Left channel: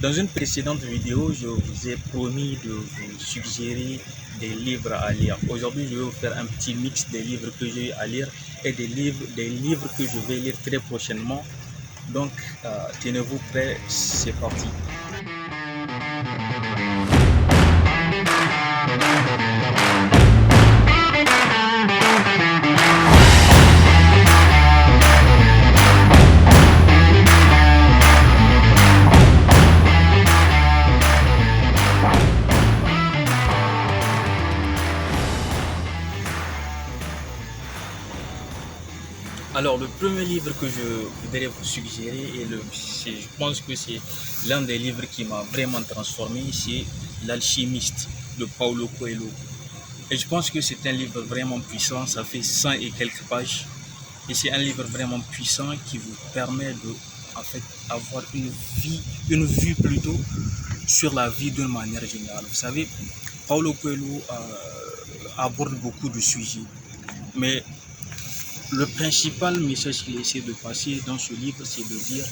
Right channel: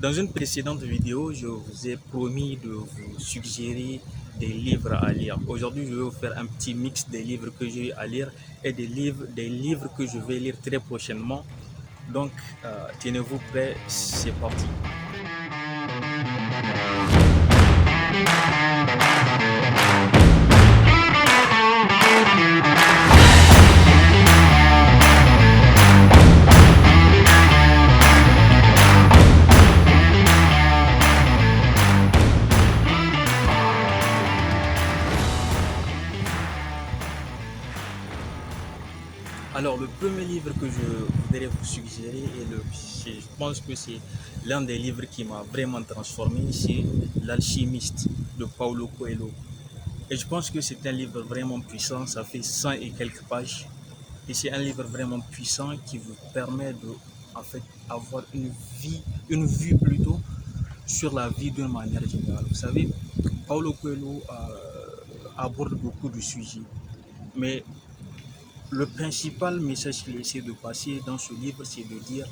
Dans une précédente vidéo, je vous ai promis de vous suggérer des livres à lire. Aujourd'hui, je vais vous faire un petit mix des livres que j'ai à lire et des livres que je vais lire très prochainement. Donc, tenez-vous prêts, c'est parti. Alors, le premier livre que je voudrais vous suggérer, je pense que c'est l'un des livres qui m'a vraiment transformé, c'est L'Alchimiste de Paulo Coelho. Et je pense que c'est un livre vraiment puissant, ça fait 100 et quelques pages. Et c'est un livre vraiment puissant qui vous permet de en fait, avoir une vue plutôt sur la vie d'une manière générale. Vous savez, Paulo Coelho aborde beaucoup de sujets, mais le principal message qu'il essaie de passer dans ce livre, c'est de dire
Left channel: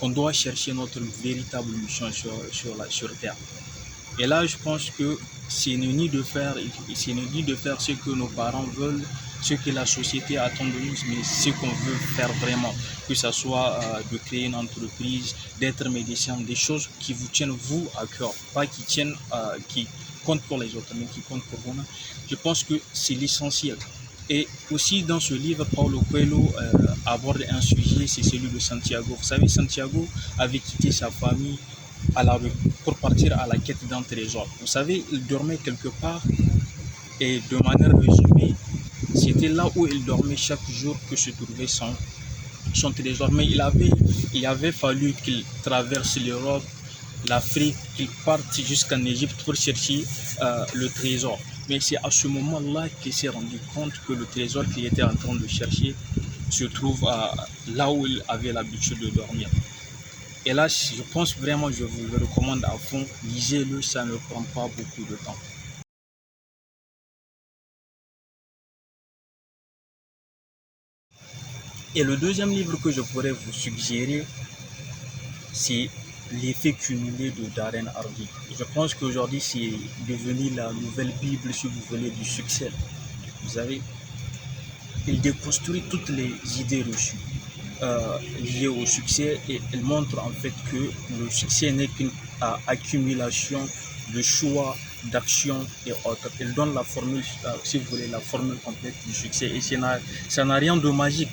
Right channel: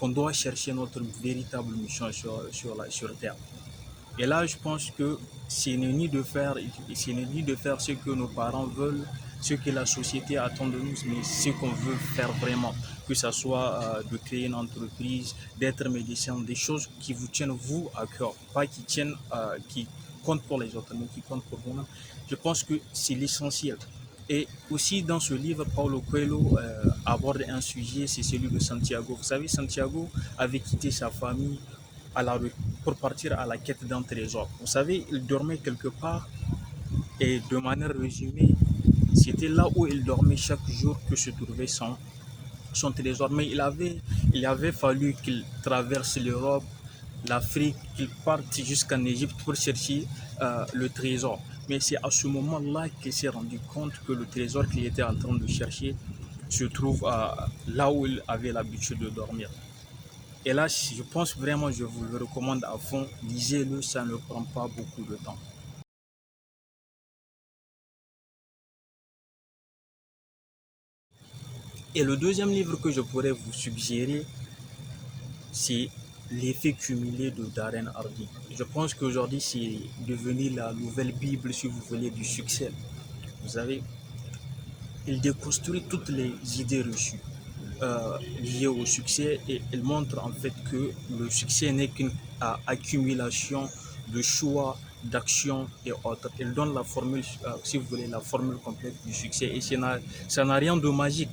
qu'on doit chercher notre véritable mission sur Terre. Et là, je pense que c'est ni de faire, ce que nos parents veulent, ce que la société attend de nous, mais ce qu'on veut faire vraiment. Que ce soit de créer une entreprise, d'être médecin, des choses qui vous tiennent vous à cœur, pas qui comptent pour les autres, mais qui comptent pour vous-même. Je pense que c'est l'essentiel. Et aussi dans ce livre, Paulo Coelho aborde un sujet, c'est celui de Santiago. Vous savez, Santiago avait quitté sa famille pour partir à la quête d'un trésor. Vous savez, il dormait quelque part et de manière résumée, c'était là où il dormait chaque jour que se trouvait son trésor. Mais il avait fallu qu'il traverse l'Europe, l'Afrique, qu'il parte jusqu'en Égypte pour chercher le trésor. Mais c'est à ce moment-là qu'il s'est rendu compte que le trésor qu'il était en train de chercher se trouve là où il avait l'habitude de dormir. Et là, je pense vraiment, je vous le recommande à fond. Lisez-le, ça ne prend pas beaucoup de temps. Et le deuxième livre que je pourrais vous suggérer, c'est L'effet cumulé de Darren Hardy. Je pense qu'aujourd'hui, c'est devenu la nouvelle Bible si vous voulez du succès. Vous savez, il déconstruit toutes les idées reçues liées au succès et il montre en fait que le succès n'est qu'une accumulation de choix, d'actions et autres. Il donne la formule, si vous voulez, la formule complète du succès et ça n'a rien de magique.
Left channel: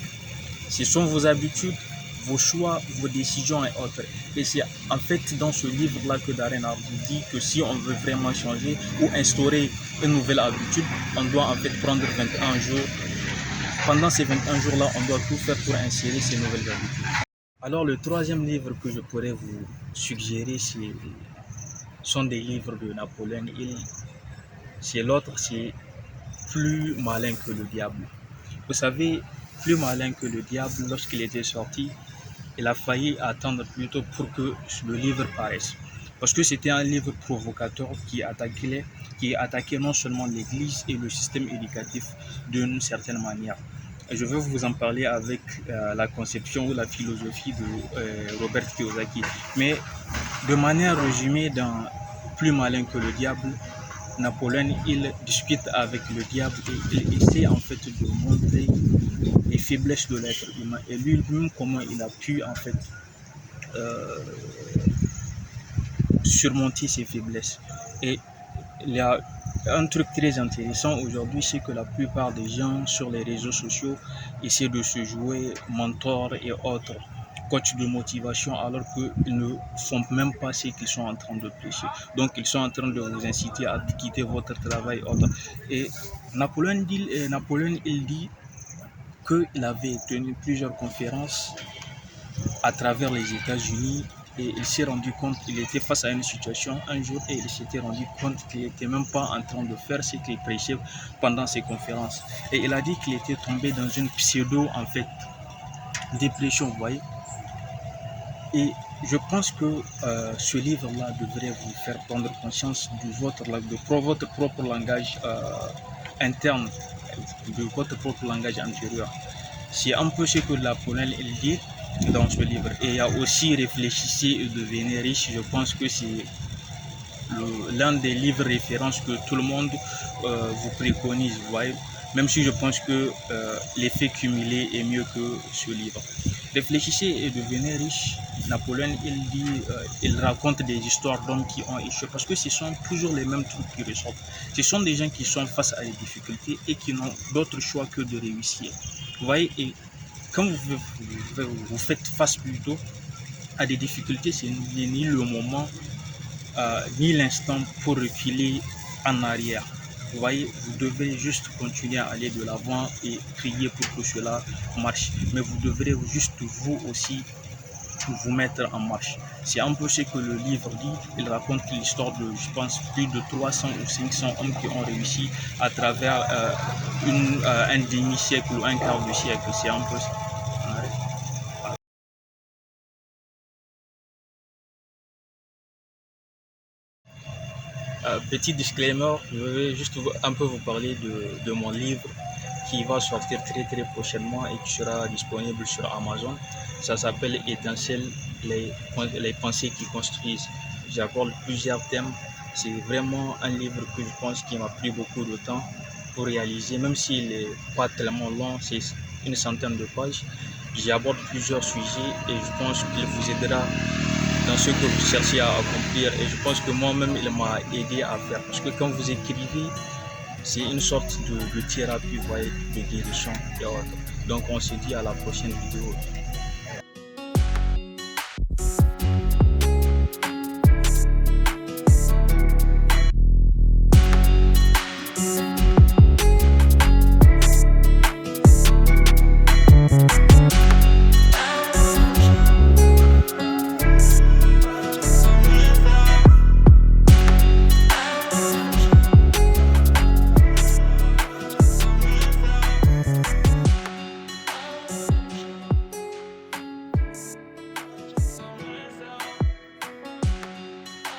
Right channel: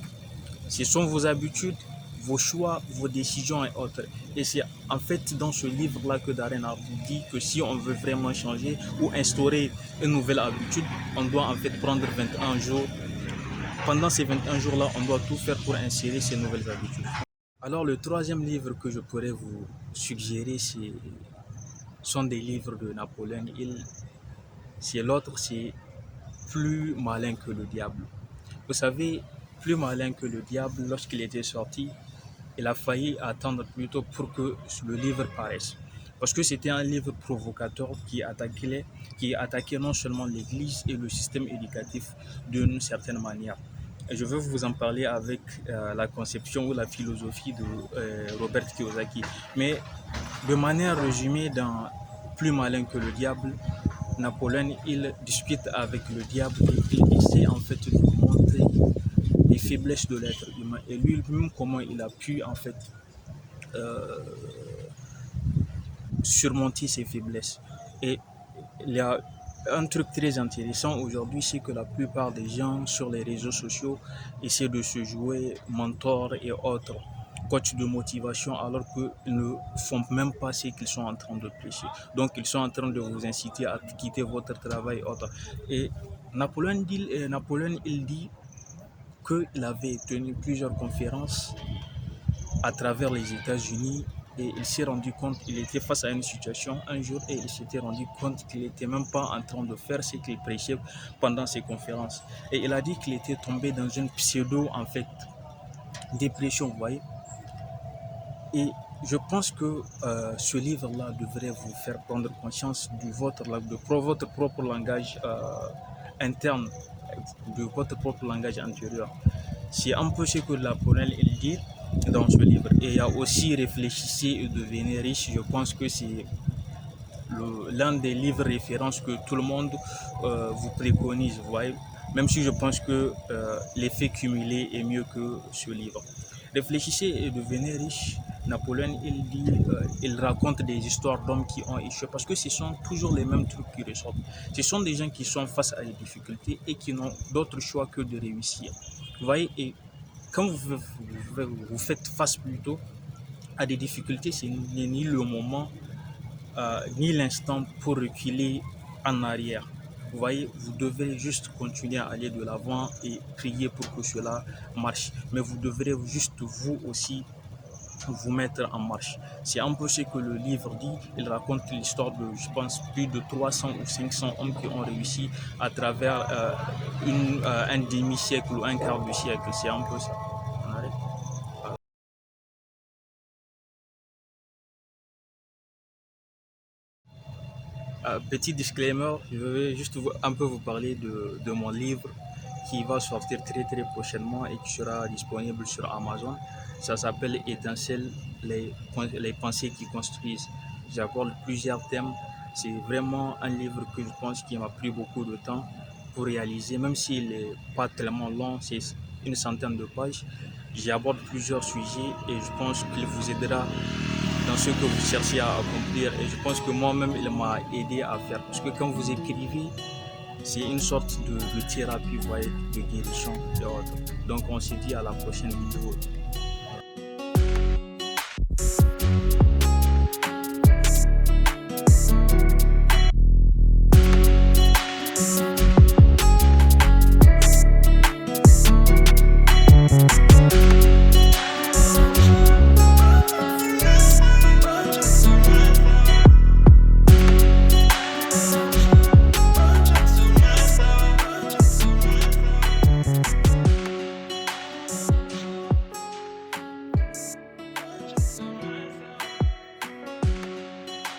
Ce sont vos habitudes, vos choix, vos décisions et autres. Et c'est en fait dans ce livre-là que Darren Hardy dit que si on veut vraiment changer ou instaurer une nouvelle habitude, on doit en fait prendre 21 jours. Pendant ces 21 jours-là, on doit tout faire pour insérer ces nouvelles habitudes. Alors le troisième livre que je pourrais vous suggérer, sont des livres de Napoléon Hill. C'est l'autre, c'est Plus malin que le diable. Vous savez, Plus malin que le diable, lorsqu'il était sorti, il a failli attendre plutôt pour que le livre paraisse. Parce que c'était un livre provocateur qui attaquait non seulement l'Église et le système éducatif d'une certaine manière. Et je veux vous en parler avec la conception ou la philosophie de Robert Kiyosaki. Mais de manière résumée, dans Plus malin que le diable, Napoléon, il discute avec le diable et il essaie en fait de montrer les faiblesses de l'être humain et lui-même comment il a pu en fait euh, surmonter ses faiblesses. Et il y a un truc très intéressant aujourd'hui, c'est que la plupart des gens sur les réseaux sociaux essaient de se jouer mentor et autres, coach de motivation, alors qu'ils ne font même pas ce qu'ils sont en train de prêcher. Donc ils sont en train de vous inciter à quitter votre travail et autres. Et Napoléon il dit qu'il avait tenu plusieurs conférences à travers les États-Unis et il s'est rendu compte qu'il était face à une situation un jour et il s'était rendu compte qu'il n'était même pas en train de faire ce qu'il prêchait pendant ses conférences. Et il a dit qu'il était tombé dans une pseudo en fait dépression, vous voyez. Et je pense que ce livre-là devrait vous faire prendre conscience de votre propre langage interne, de votre propre langage intérieur. C'est un peu ce que Napoléon il dit. dans ce livre. Et il y a aussi Réfléchissez et devenez riche. Je pense que c'est l'un des livres références que tout le monde vous préconise. Vous voyez, même si je pense que l'effet cumulé est mieux que ce livre. Réfléchissez et devenez riche. Napoléon, il raconte des histoires d'hommes qui ont échoué parce que ce sont toujours les mêmes trucs qui ressortent. Ce sont des gens qui sont face à des difficultés et qui n'ont d'autre choix que de réussir. Vous voyez, et quand vous faites face plutôt à des difficultés, ce n'est ni le moment ni l'instant pour reculer en arrière. Vous voyez, vous devez juste continuer à aller de l'avant et prier pour que cela marche. Mais vous devrez juste vous aussi vous mettre en marche. C'est un peu ce que le livre dit. Il raconte l'histoire de, je pense, plus de 300 ou 500 hommes qui ont réussi à travers un demi-siècle ou un quart de siècle. C'est un peu ça. Petit disclaimer, je vais juste un peu vous parler de mon livre qui va sortir très très prochainement et qui sera disponible sur Amazon. Ça s'appelle Étincelle, les pensées qui construisent. J'aborde plusieurs thèmes. C'est vraiment un livre que je pense qui m'a pris beaucoup de temps pour réaliser, même s'il n'est pas tellement long, c'est une centaine de pages. J'aborde plusieurs sujets et je pense qu'il vous aidera dans ce que vous cherchez à accomplir. Et je pense que moi-même, il m'a aidé à faire. Parce que quand vous écrivez, c'est une sorte de thérapie, vous voyez, de guérison. Donc on se dit à la prochaine vidéo.